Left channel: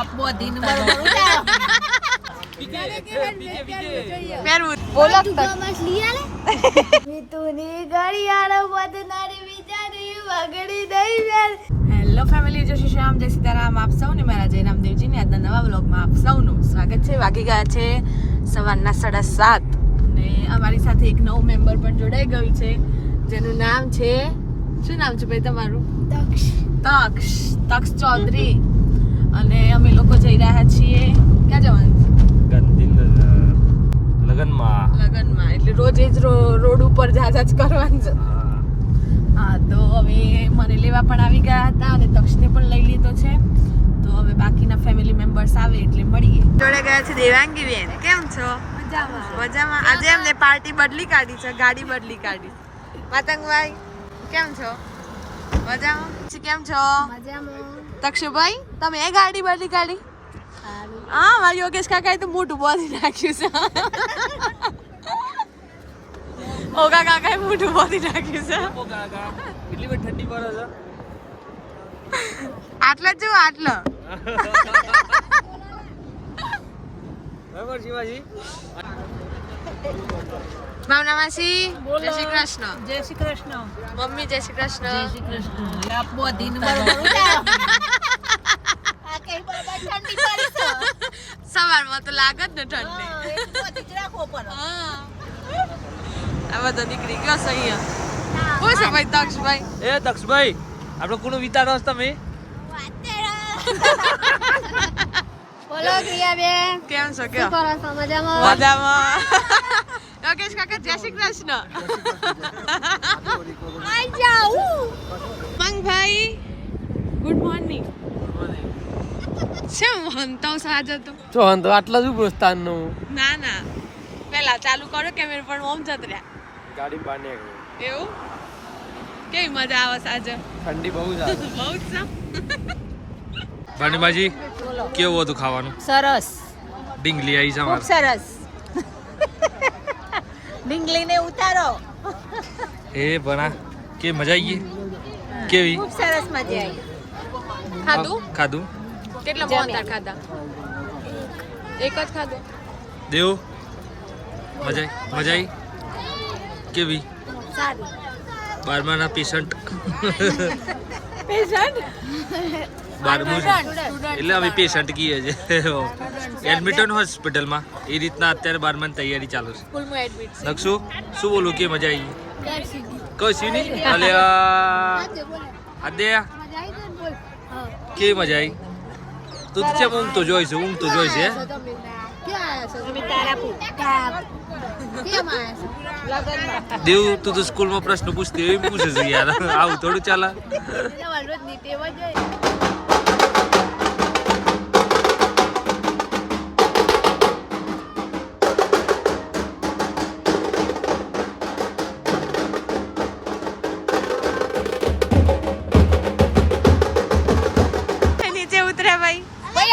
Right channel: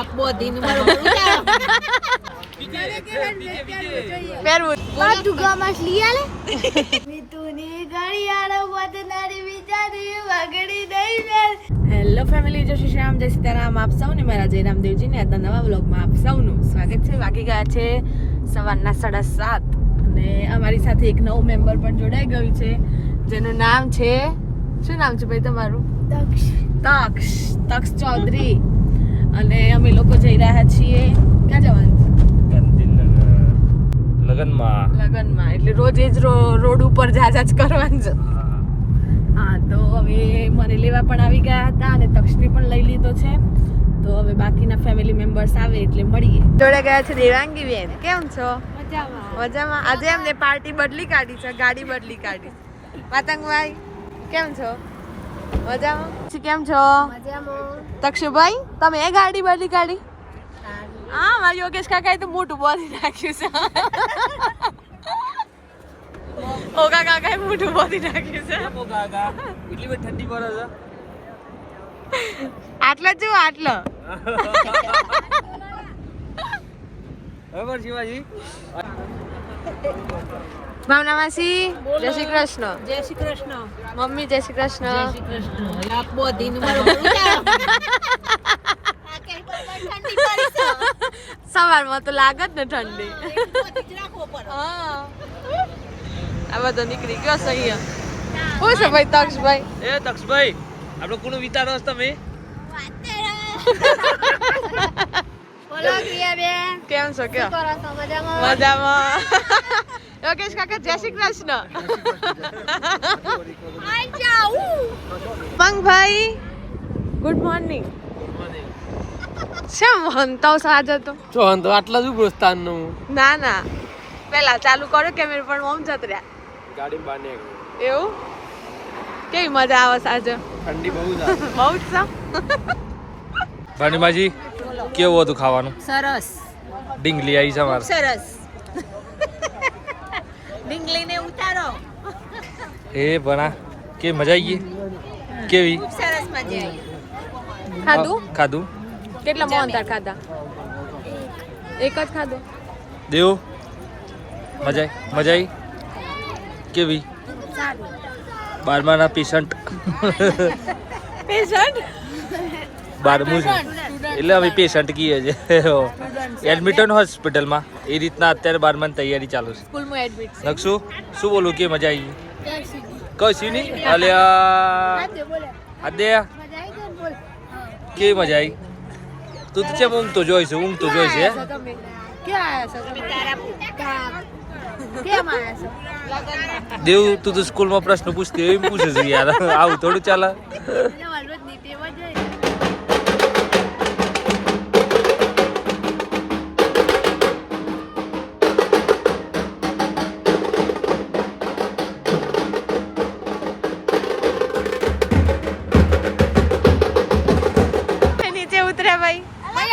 Hello family, જય શ્રી રામ, જય સીતારામ. આપ સૌને મારા જય રામદેવજી ને આજના નવા વ્લોગમાં આપ સૌનું સ્વાગત છે. વાગી ગયા છે સવારના 7:30 અને અમારી સાથે એક નવો મેમ્બર પણ જોડાઈ ગયું છે, જેનું નામ છે, શું નામ છે ભાઈ તમારું? તક્ષ ચૌધરી. અને અમે લોકો જઈ રહ્યા છીએ, ક્યાં જવાનું છે? લગનમાં. એટલે રોજ જ રોડ ઉપર જા કરવાનું છે. હા, તો હવે મને લેવા પણ આવી ગયા હતા અને તક્ષને પણ લઈ લીધો છે. તો હવે બાકીના ફેમિલી મેમ્બર્સ આવે એટલે મળીએ. જોડે ગયા છે દેવાંગી બેન. કેમ છો? મજામાં. આજે એમને પાર્ટી બદલી કાઢી છે, ગાડી બદલી કાઢી. માતંગભાઈ કેમ છો? મજામાં. કેમ છો? તક્ષભાઈ તમે એ ગાડી બદલી કાઢી? હા, મારી યોગેશ કાકાએ તો મોટું બોલી નાખ્યું છે. ઓગા કાકાએ મોટું બોલી નાખ્યું છે. આટલા જો આટલો ભાવના માસી જય શ્રી કૃષ્ણ. જય શ્રી કૃષ્ણ મમ્મી. જય શ્રી કૃષ્ણ. જય શ્રી કૃષ્ણ. આપો દિન સવારમાં તો લાગત ને ઠંડી. આ બધો નીકળી ગયો છે અહીંયા. શું છે ભાઈ તક્ષભાઈ? એ તક્ષભાઈ, આપણે કોનો વિચારો છો તમે? કેમ છો? કયો મજામાં. યોગેશ કાકા જય શ્રી કૃષ્ણ. Mangbhai good morning. શેમ હંતાવ સાજ હતો? જો હંતો આટલા જ પ્રોત્સાહન નું. ના પેલા ચાલુ કરો કેમેરા પણ ઓમ જત રહ્યા. ગાડી માને એવું કેવી મજા આવે સાજે? ઠંડી બહુ બહુ જ છે. ભાણીમાજી કેવું હતું ખાવાનું? સરસ. ડીંગલી આવી છે અમારે. સરસ. ડીંગલીને ઉતારો. એ બના કે મજા આવી ગઈ? કેવી? ખૂબ સરસ મજા આવી. ખાધું? ખાધું. કેટલા મોંઘા ખાધા? એક જ ખાધો. દેવ મજા આવી? કેવી? સારું. 12માના પેશન્ટ. પેશન્ટ 12મું એટલે હવે પેશન્ટ કીએ છે. એડમિટ હોસ્પિટલમાં એ રીતના અત્યારે 12માની તૈયારી ચાલુ છે. સ્કૂલમાં એડમિટ છે. નકશું શું બોલું કે મજા આવી? કશું નહીં. અલ્યા આદે કેવી મજા આવી? તું તો કેમ ઊંઘ તો જોઈશે? દેવ તું તો સ્કૂલમાં પ્રશ્ન પૂછતી એમ પૂછે છે યાર. આવું થોડું ચાલે. નીચે ઉતરે ભાઈ.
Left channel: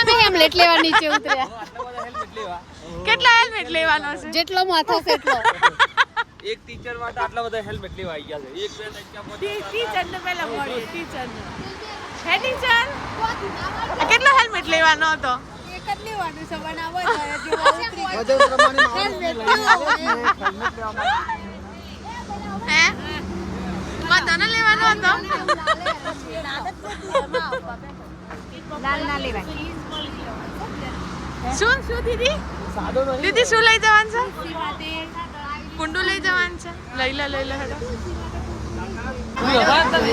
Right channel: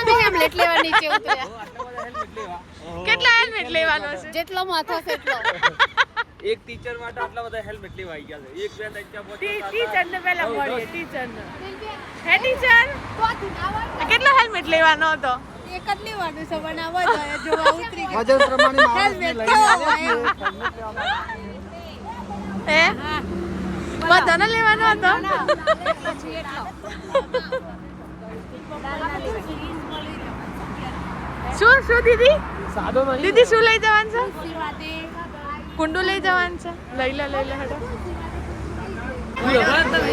અમે હેલ્મેટ લેવા નીચે ઉતર્યા. કેટલા હેલ્મેટ લેવાનો છે? જેટલો માથો છે એટલો. એક ટીચર માટે આટલા બધા હેલ્મેટ લેવા આવી ગયા છે. એક બે ટીચર ટીચરને પહેલા મળીએ. ટીચરને હે ટીચર કેટલો હેલ્મેટ લેવાનો હતો? એક જ લેવાનું છે. બનાવો હે બધાને લેવાનો હતો. શું દીદી શું લઈ જવાનું છે? કુંડું લઈ જવાનું છે. લઈ લે હેડો.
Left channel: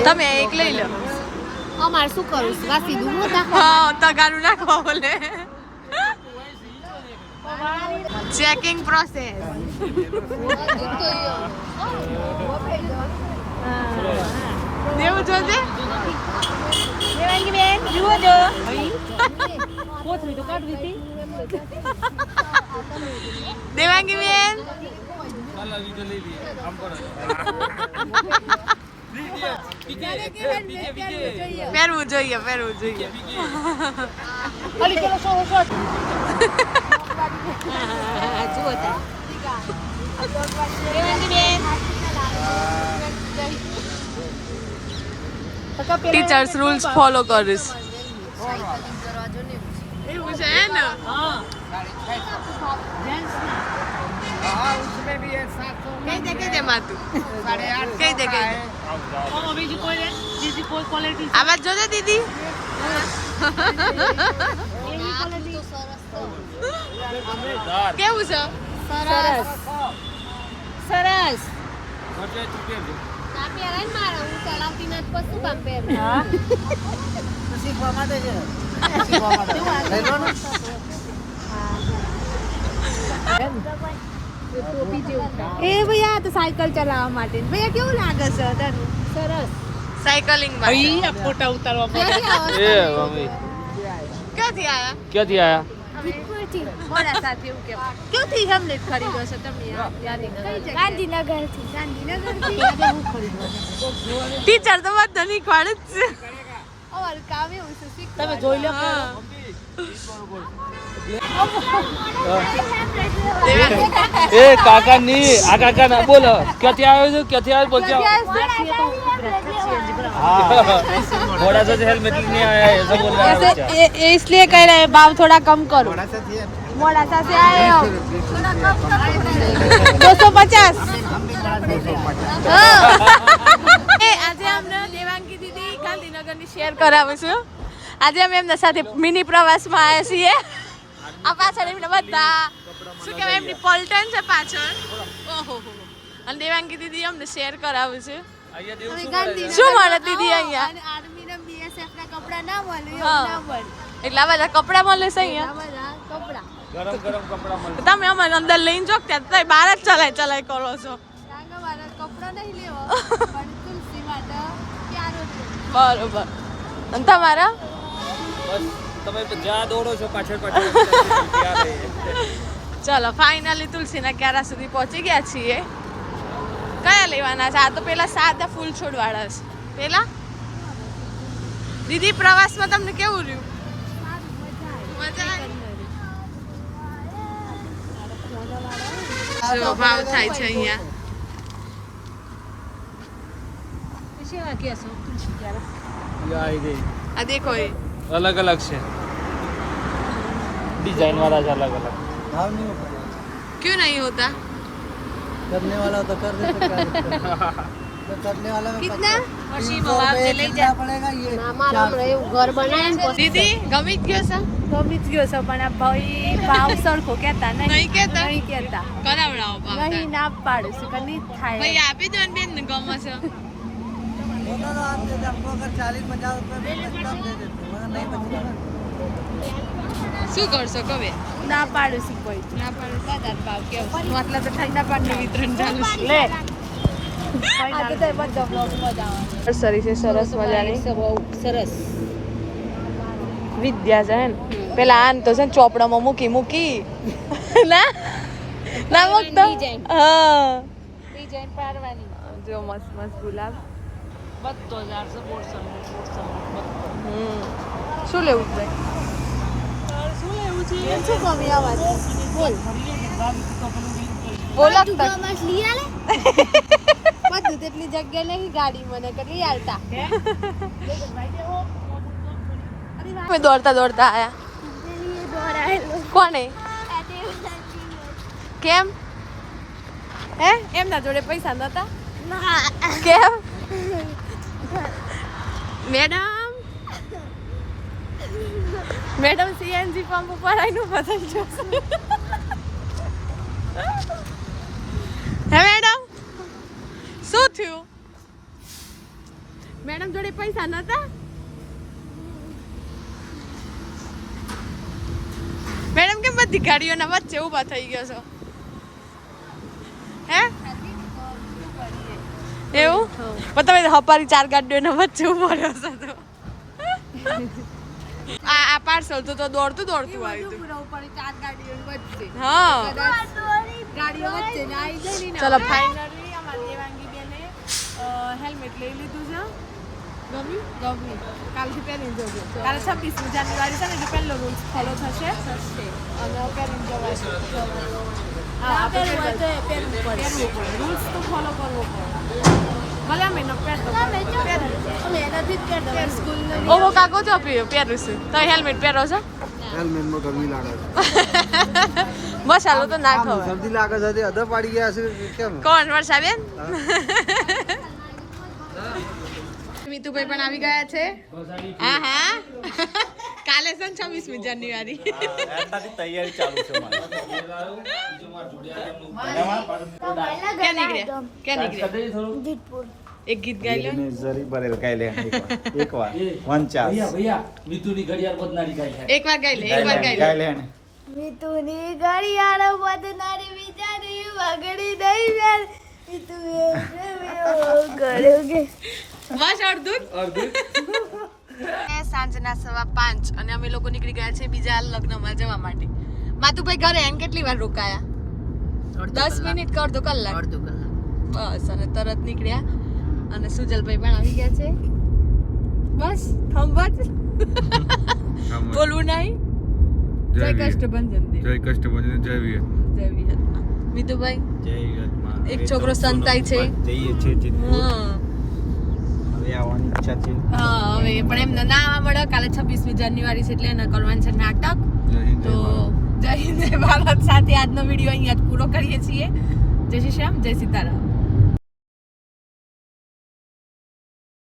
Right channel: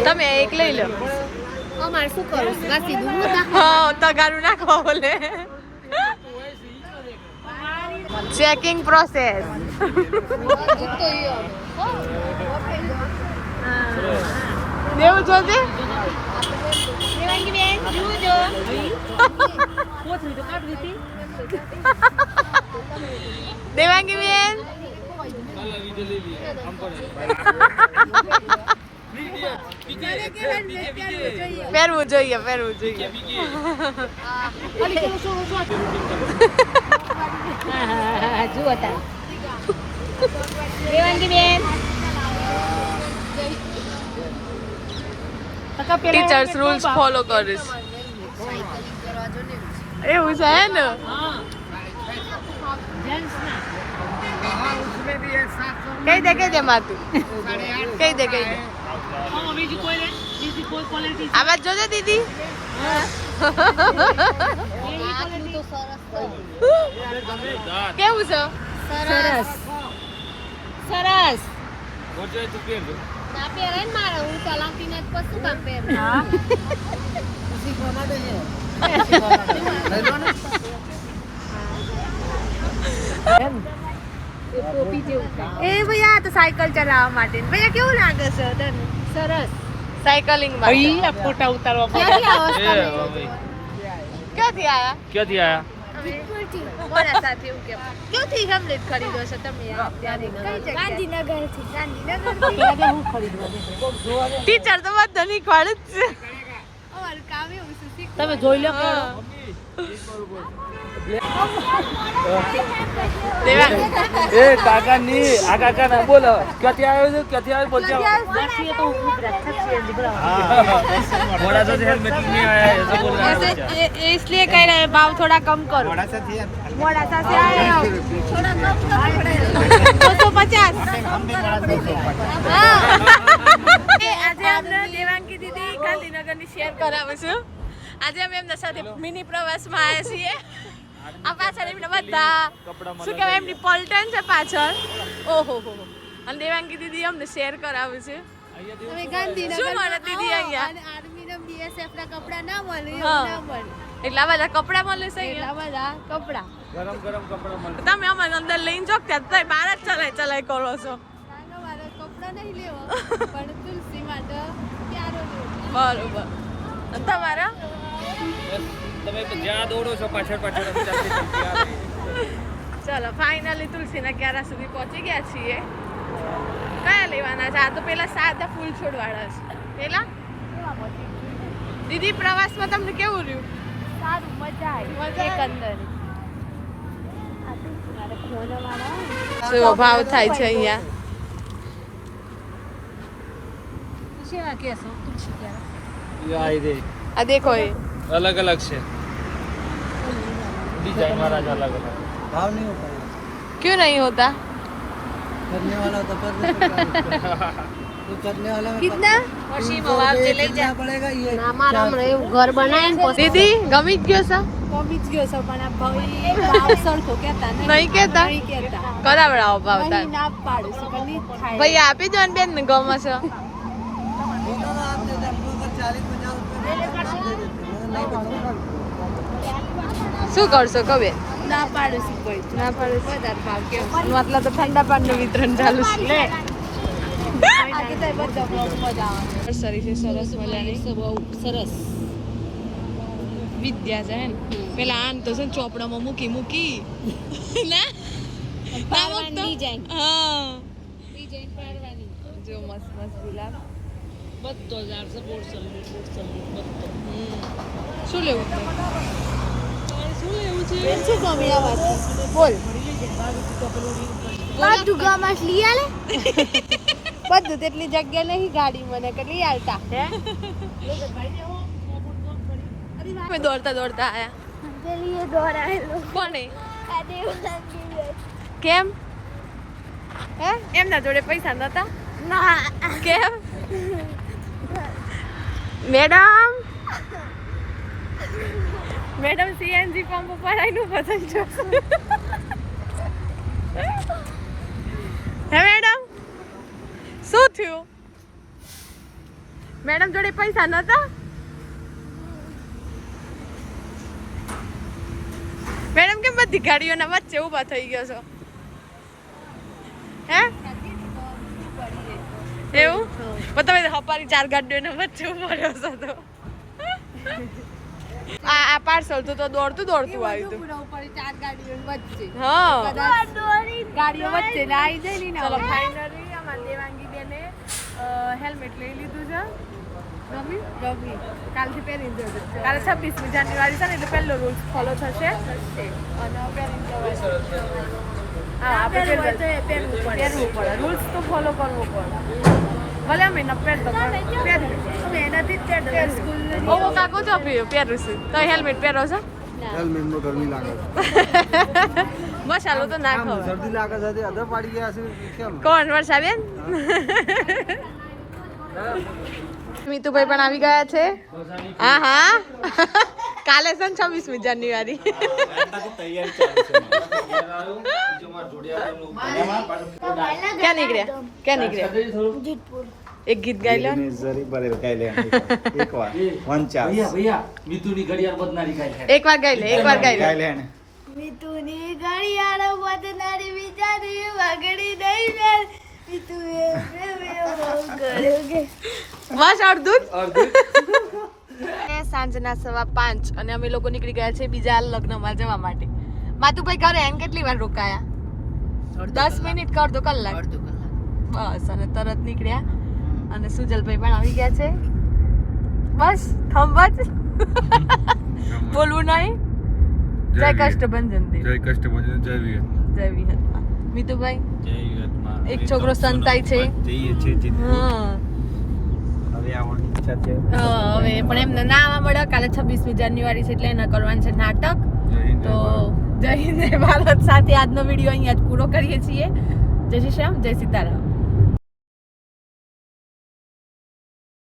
તમે એક લઈ લો. અમારે શું કરું? હા, તગારું નાખવા બોલે. Checking process. દેવું જોજે. દેવાંગી બેન પહેરવું જોઈએ. ટીચર્સ રૂલ્સ ફોલો કરીશ. એવું છે હે ને કઈ દે માતું કઈ દે આવાજ જોજો દીદી કેવું છે સરસ સરસ તું પહેરજો એ ભૈયા તો સાયકલ ચલાવવા માટે ભૈયા કેવું લાગે છે તને સરસ સાયકલિંગ માટે ફોટા ઉતારવા ક્યાંથી આયા મોડા સાથે એવું કેમ ક્યાંથી તમને ખરીદો છો તમે ગાંધીનગરથી ટીચર તો બધા નહીં ખવાડે જ છે અમારું કામ એવું છે તમે જોઈ લો એ કાકા ની આ કાકા ના બોલો ક્યાંથી આવ્યો છું ક્યાંથી આવ્યો थोड़ा सा हेलमेट नहीं आया है ऐसा बोल रहा है इसलिए कह रहे हैं भाव थोड़ा कम करो मोड़ा सा से आए हो थोड़ा कम करो 250 આજે અમને દેવાંગી દીદી ગાંધીનગરની શેર કરાવે છે આજે અમે એમના સાથે મિની પ્રવાસમાં આવ્યા છીએ આ પાછળ એમના બધા શું કહેવાય એમની પલટન છે પાછળ ઓહો હો અને દેવાંગી દીદી અમને શેર કરાવે છે શું મળે દીદી અહીંયા આર્મી ના બીએસએફ ના કપડા ના મળે એટલા બધા કપડા મળે છે અહીંયા કપડા ગરમ કપડા મળે તમે અમારે અંદર લઈને જો ત્યાં તમે બહાર જ ચલાય કરો છો કપડા નહીં લેવો પણ તુલસી માટે ક્યારો બરોબર અને તમારા બસ તમે જ્યાં દોડો છો પાછળ ચલો ફાઇનલી તુલસીના ક્યારા સુધી પહોંચી ગયા છીએ કયા લેવાના છે આ તો પેલા સાદા ફૂલ છોડવાળા છે પેલા દીદી પ્રવાસમાં તમને કેવું રહ્યું સારું મજા આવી શું ભાવ થાય છે અહીંયા આ દેખો એ अलग अलग से डिजाइन वाला अलग अलग भाव नहीं होता क्यों नहीं होता करने वाला तो कर नहीं सकता तो करने वाला में कितना मशीन पड़ेगा ये घर बनाया दीदी गमी गयो છે પણ આ ભાઈ ભાવ સરખો કહેતા નહીં કહેતા કરાવડાવો ભાવ તાર ના પાડે છે કે નહીં થાય ભાઈ આપી દો ને બેન ને ગમે છે શું કરશો કবে ના પાડોશી કોઈ ના પાડોશી વધારે ભાવ કેમ મતલબ તો ઠંડા પાણીનું વિતરણ ચાલુ છે નર્સરી છે સરસ મજાની સરસ વિદ્યા છે ને પેલા આન તો છે ને ચોપડામાં મૂકી ના ના મૂકતો હા ડિઝાઇન પાડવાની જો મસ્ત ગુલાબ બધો 400 શું લેવું છે બધું તેટલી જગ્યા નહીં ગાડી મને કેટલી હાલતા દોડતા આયા કોને કેમ હે એમના જોડે પૈસા નતા કેમ મેડમ સીએનજી પંપ ઉપર આવીને પસંદ જોશે હે મેડમ શું થયું મેડમ જોડે પૈસા નતા મેડમ કેમ બધી ગાડીઓના વચ્ચે ઊભા થઈ ગયો છો હે એવું તમે હપારી 4 ગાડીઓના વચ્ચે ઊભો રહ્યો છો તો આ પાર્સલ તો દોડતું આવ્યું હા ગાડીઓ વચ્ચે ચલો ફાઇનલી અમારી દેવાંગી બેને હેલ્મેટ લઈ લીધું છે ગમી કાલથી પહેરીને જોજો કાલે 26મી જાન્યુઆરી છે ને એટલે પહેલો રૂલ્સ ફોલો થશે અને પહેરવું પડે રૂલ્સ તો ફોલો કરવો પડે ભલે અમે ન પહેરતો પણ પહેરી અમે એનાથી જ પહેરતો સ્કૂલ કાકો તો પહેરું છું તો હેલ્મેટ પહેરો છો હેલ્મેટમાં ગરમી લાગે છે મસાલો તો ના ખવાય શરદી લાગે છે તે અધર પાડી ગયા છે કેમ કોણ વર્ષાબેન મીતુભાઈ પણ આવી ગયા છે હા હા કાલે છે 26મી જાન્યુઆરી ક્યાં નીકળ્યા એક ગીત ગાઈ લો એક વાર ગાઈ લે મિતુની ઘડિયાળો બદનારી વિચારી વાગડી દઈ વેલ મિતુએ બસ અડધું સાંજના 5:15 અને અમે લોકો નીકળી ગયા છે બીજા લગ્નમાં જવા માટે માતુભાઈ ઘરે આવીને કેટલી વાર રોકાયા 10 મિનિટ કે અડધો કલાક બસ અને તરત નીકળ્યા અને સુજલભાઈ પણ આવી ગયા છે બસ થંબત બોલવું નહીં જય કષ્ટભંજન દેવ જય કષ્ટભંજન જય વીર જય વીર મિતુભાઈ જય વીરમાં એક છોકરો સંતાય છે જઈએ છે જીતપુર હા હવે આવવાની ઈચ્છા છે હવે પણ એમને ના આવવા મળે કાલે 26મી જાન્યુઆરી છે એટલે એના કરવાનું છે નાટક તો જય હિન્દ જય ભારત સાથે આજનો વિડીયો અહીંયા જ પૂરો કરીએ છીએ જય શ્રી શ્યામ જય સીતારામ